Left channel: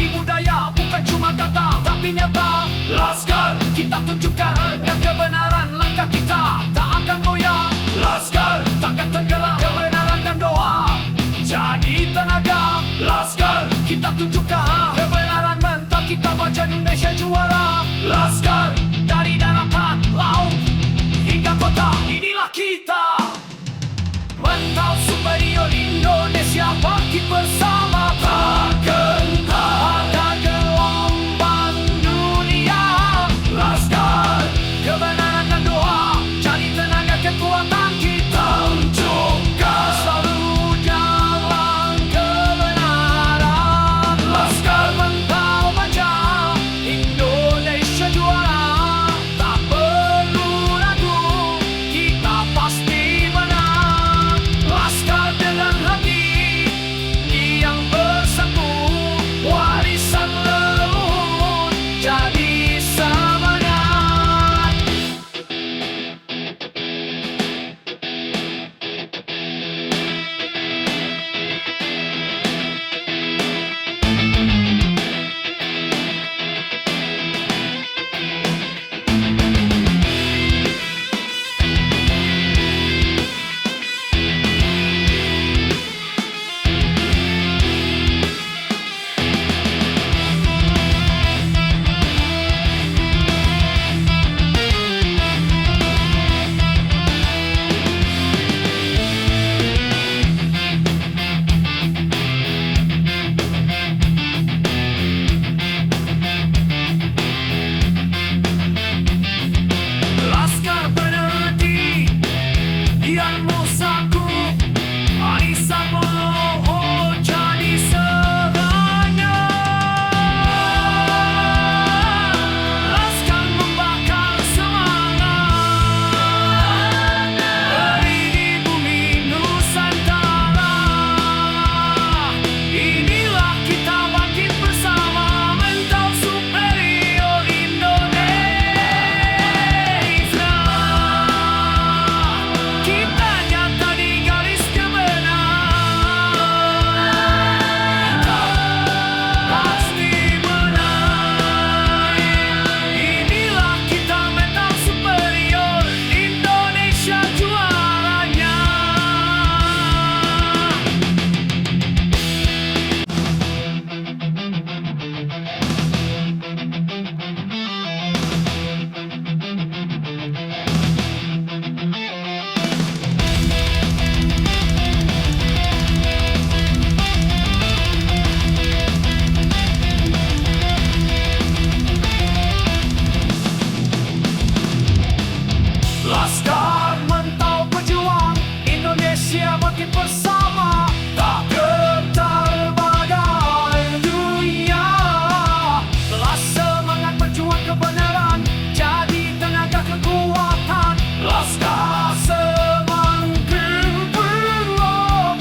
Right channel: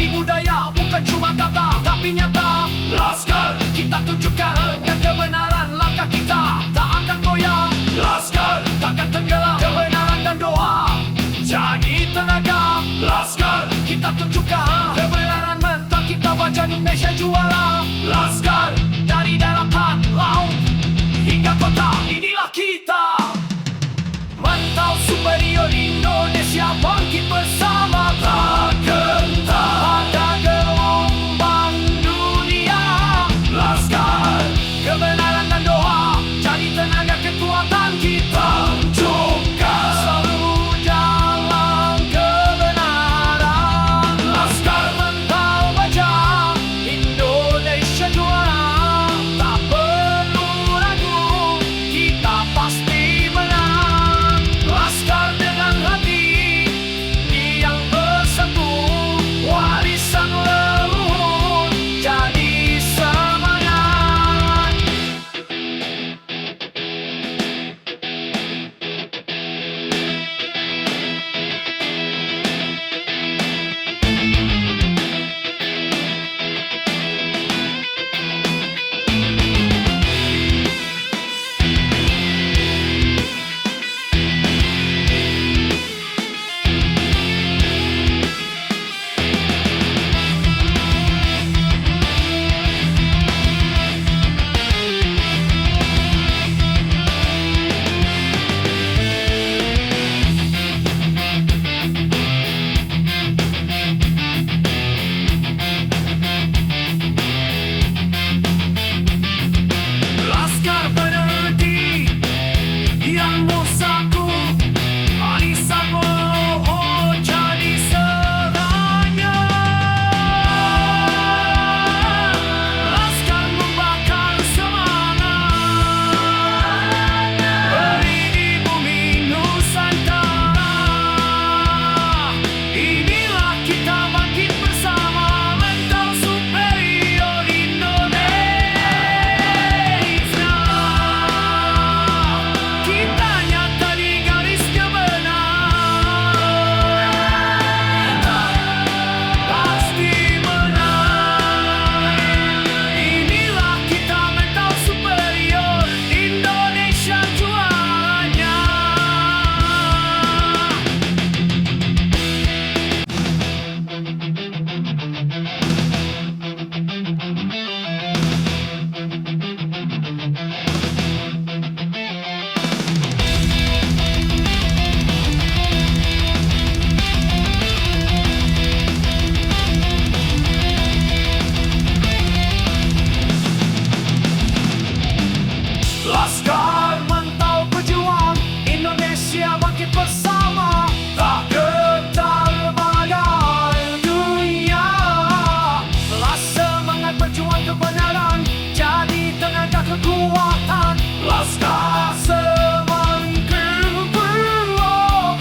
jadi budaya, bukan cuma kata tapi nyata. Laskar, kita tunjukkan yang kebenaran, langkah kita tak akan goyah. Laskar, takkan tenggelam kebenaran dan doa jadi tenaga. Laskar, kita tunjukkan kebenaran mentah, kita baca Indonesia juara. Laskar, dari daratan, laut hingga kota, inilah kita. Mentau superior Indonesia bangkit bersama. Tak gentar pada gelombang dunia. Laskar, kebenaran dan doa jadi tenaga kekuatan kita. Tunjukkan selalu jalan kebenaran. Laskar mentau baja Indonesia juara. Tak perlu ragu, kita pasti menang. Laskar dengan hati yang bersatu, warisan leluhur jadi semangat. Laskar peneliti yang musaku, Anissa oh jadi serangnya. Laskar membakar semangat, beri di bumi Nusantara. Inilah kita bangkit bersama, mentau superior Indonesia. Kita nyata di garis kebenaran, pasti menang. Inilah kita, mentau superior Indonesia juaranya. Laskar mentau berjuang, Indonesia bangkit bersama. Tak gentar bagai dunia. Telah semangat berjuang kebenaran jadi tenaga kekuatan. Laskar semakin bergerak.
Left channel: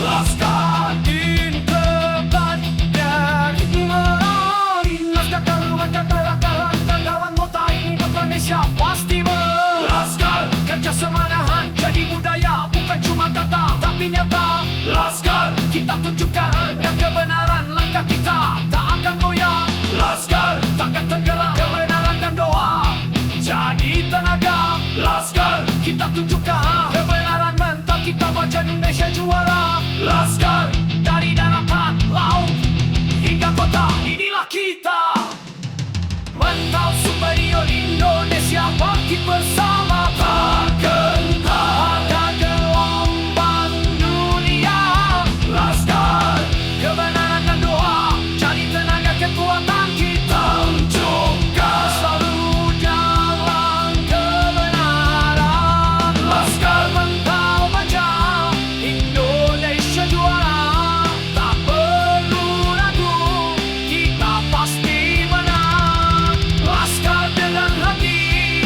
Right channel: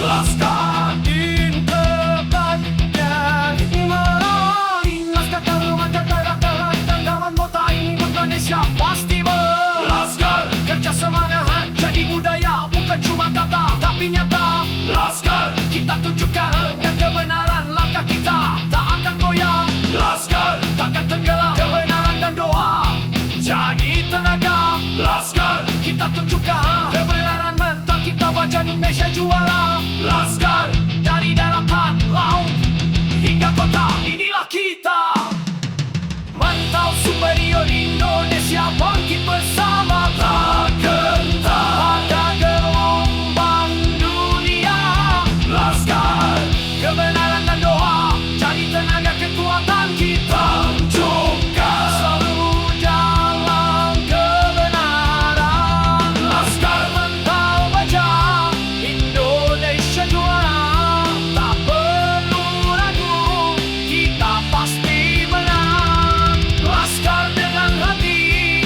Laskar integrat dan menang. Laskar taruhan kata-kata dan kawan mota ini Indonesia pasti menang. Laskar kerja semanahan jadi budaya, bukan cuma kata tapi nyata. Laskar, kita tunjukkan yang kebenaran, langkah kita tak akan goyah. Laskar, takkan tenggelam kebenaran dan doa jadi tenaga. Laskar, kita tunjukkan kebenaran mentah, kita baca Indonesia juara. Laskar, dari daratan, laut hingga kota, inilah kita. Mentau superior Indonesia bangkit bersama. Tak gentar pada gelombang dunia. Laskar, kebenaran dan doa jadi tenaga kekuatan kita. Tunjukkan selalu jalan kebenaran. Laskar mentau baja Indonesia juara. Tak perlu ragu, kita pasti menang. Laskar dengan hati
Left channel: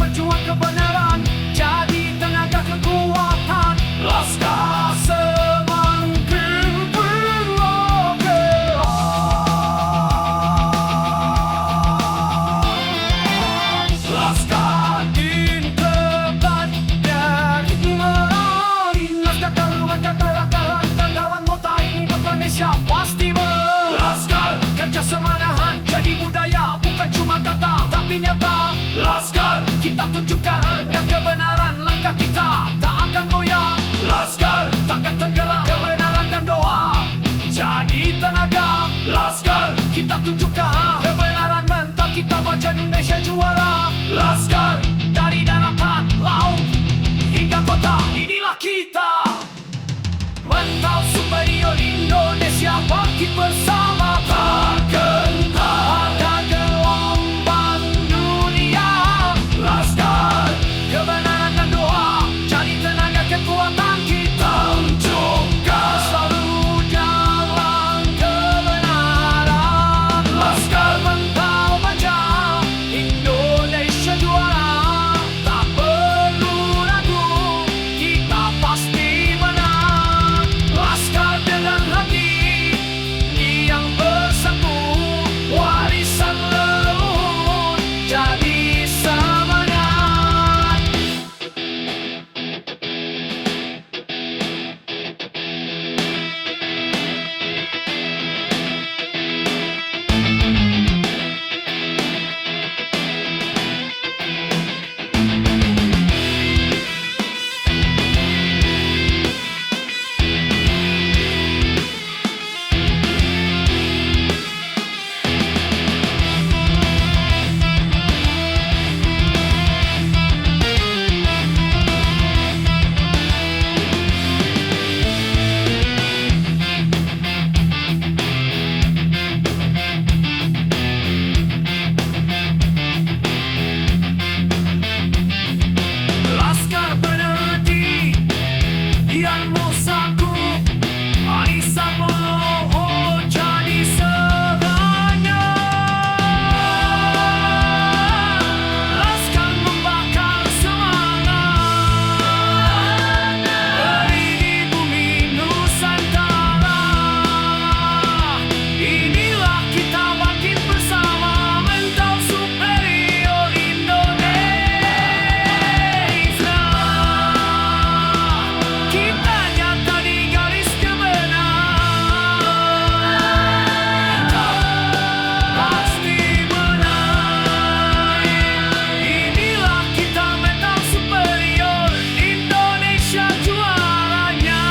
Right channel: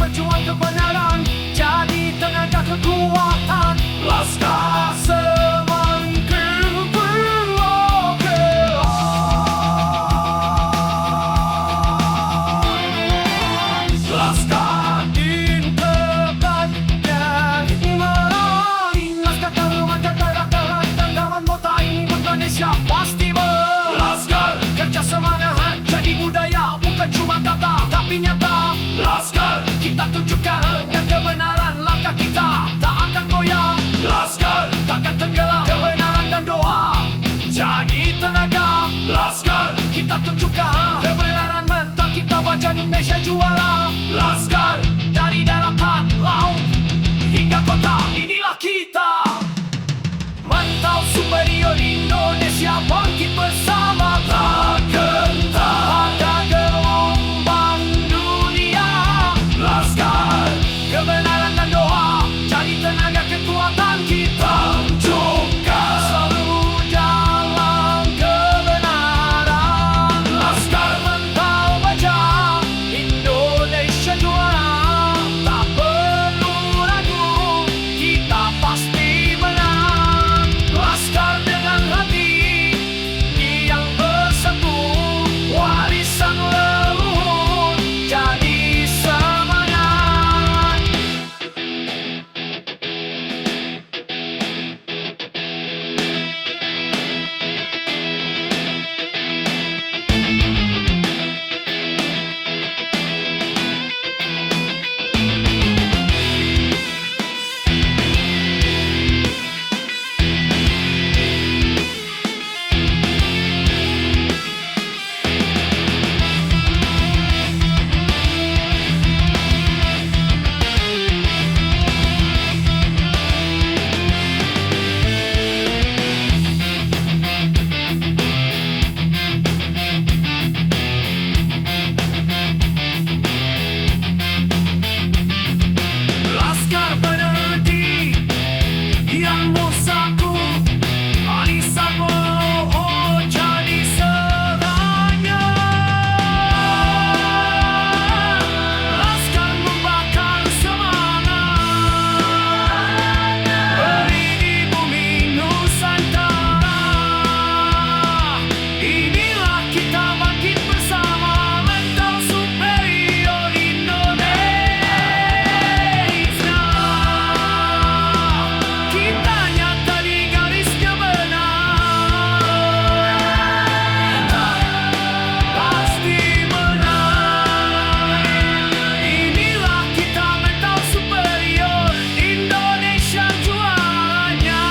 berjuang kebenaran, jadi tenaga kekuatan. Laskar semangkuk bergerak. Laskar integrat dan menang. Laskar taruhan kekerakan tendawan mota ini Indonesia pasti menang. Laskar kerja semangat jadi budaya, bukan cuma kata tapi nyata. Laskar kita tunjukkan yang kebenaran, langkah kita tak akan goyah. Laskar takkan tenggelam kebenaran dan doa, jadi tenaga. Laskar kita tunjukkan kebenaran mental, kita baca Indonesia juara. Laskar dari daratan, laut hingga kota, inilah kita. Mental superior Indonesia bangkit bersama. Pada gelombang dunia. Laskar kebenaran dan doa, jadi tenaga kekuatan kita. Tunjukkan selalu jalan kebenaran. Laskar mental baja, Indonesia juara. Tak perlu ragu, kita pasti menang. Laskar dengan hati yang bersatu, warisan leluhur jadi semangat. Laskar penerti yang musaku, Anissa oh jadi serangnya. Laskar membakar semangat, beri di bumi Nusantara. Inilah kita bangkit bersama, mental superior Indonesia. Kita nyata di garis kebenaran, pasti menang. Inilah kita, mental superior Indonesia juaranya.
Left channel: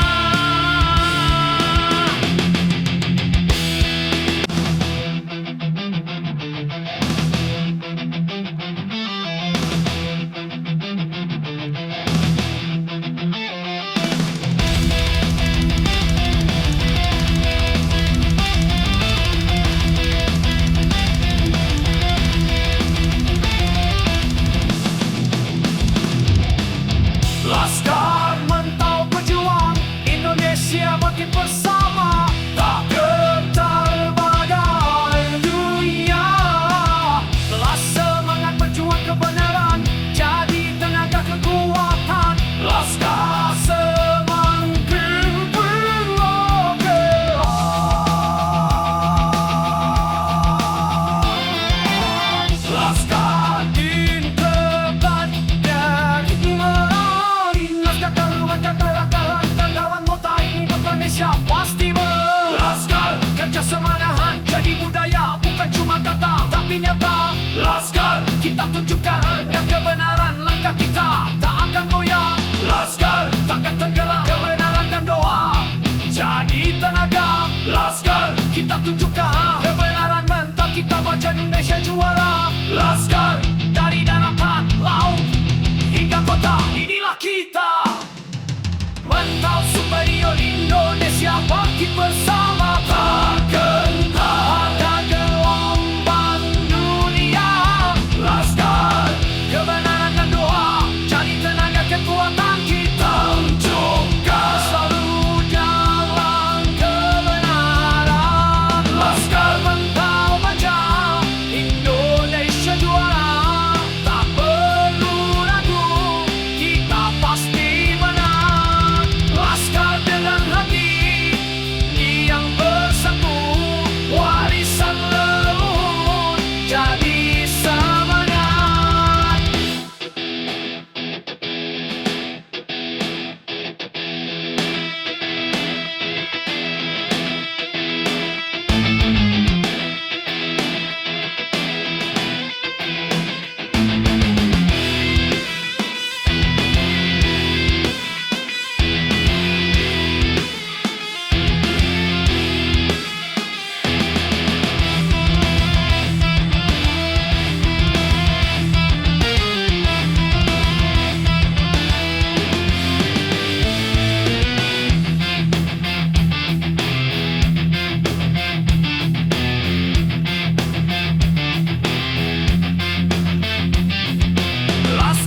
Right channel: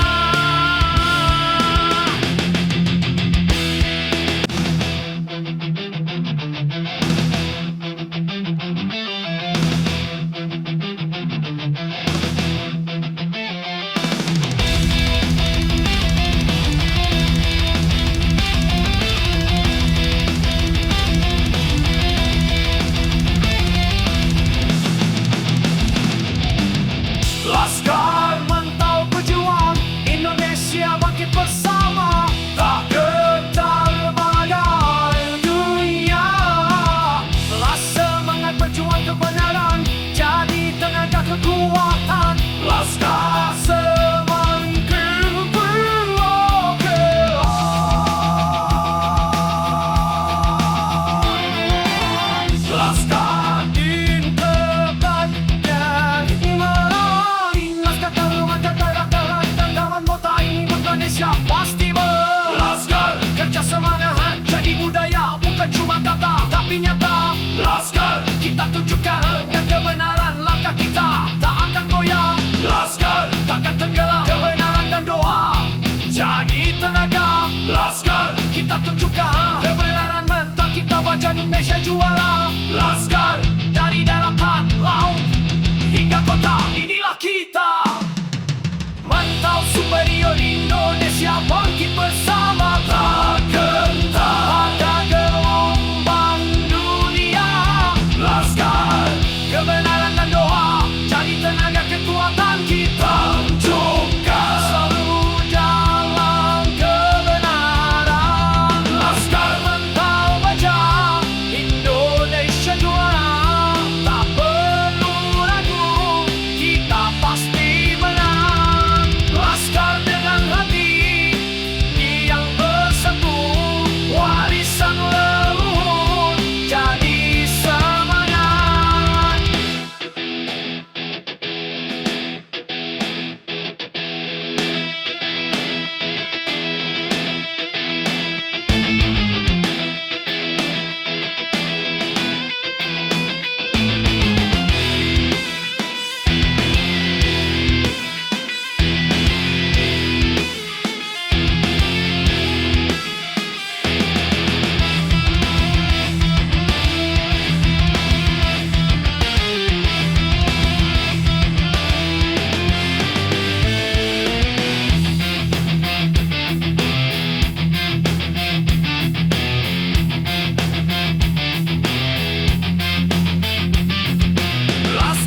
Laskar mental berjuang, Indonesia bangkit bersama. Tak getar bagai dunia. Telah semangat berjuang kebenaran, jadi tenaga kekuatan. Laskar semangkuk bergerak. Laskar integrat dan menang. Laskar taruhan kekerakan tendawan mota ini Indonesia pasti menang. Laskar kerja semangat jadi budaya, bukan cuma kata tapi nyata. Laskar kita tunjukkan yang kebenaran, langkah kita tak akan goyah. Laskar takkan tenggelam kebenaran dan doa, jadi tenaga. Laskar kita tunjukkan kebenaran mental, kita baca Indonesia juara. Laskar dari daratan, laut hingga kota, inilah kita. Mental superior Indonesia bangkit bersama. Pada gelombang dunia. Laskar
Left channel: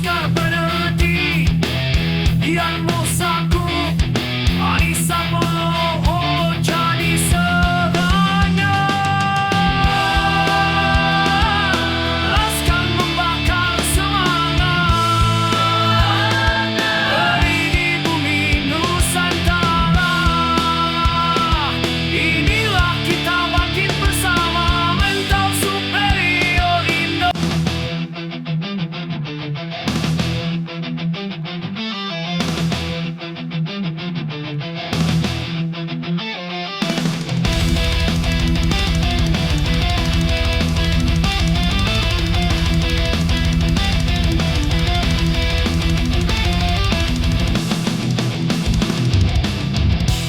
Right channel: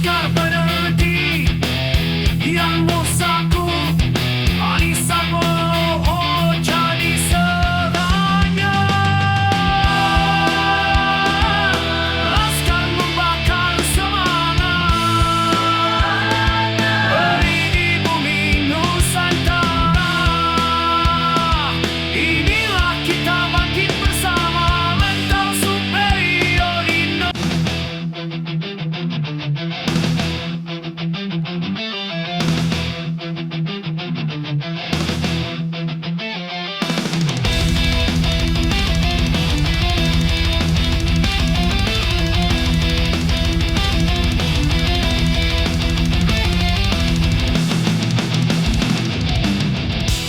Laskar Penerti Yang Musaku Alisa oh jadi serangnya. Laskar membakar semangat beri di bumi Nusantara. Inilah kita bangkit bersama mental superior Indo.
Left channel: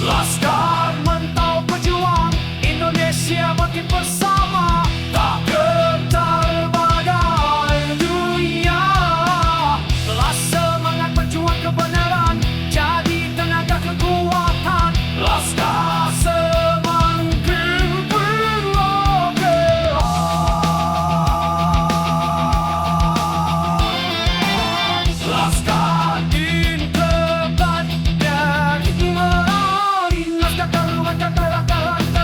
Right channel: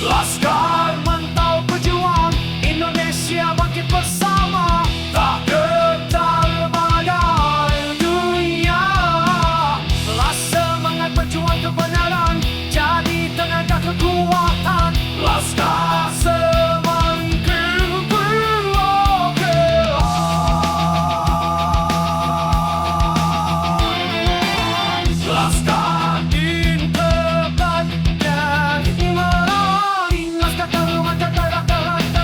Laskar Mentau Pejuang Indonesia bangkit bersama, tak getar bagai dunia. Telah semangat berjuang kebenaran jadi tenaga kekuatan. Laskar semakin berlebihan. Laskar integrat dan merawat. Laskar terluka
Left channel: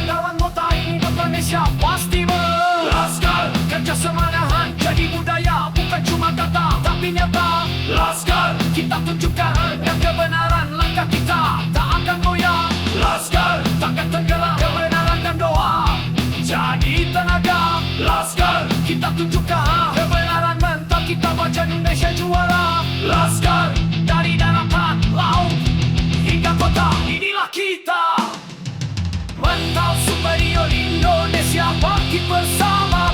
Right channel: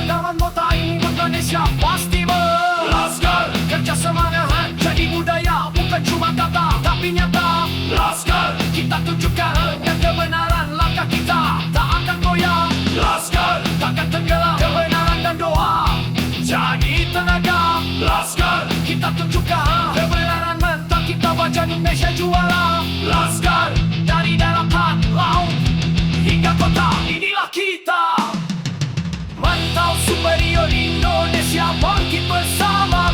kawan mota Indonesia pasti ber. Laskar kerja semangat jadi budaya, bukan cuma kata tapi nyata. Laskar kita tunjukkan yang kebenaran, langkah kita tak akan goyah. Laskar takkan tenggelam kebenaran dan doa jadi tenaga. Laskar kita tunjukkan kebenaran mental kita, wajah Indonesia juara. Laskar dari daratan, laut hingga kota, inilah kita. Mental superior Indonesia bangkit bersama.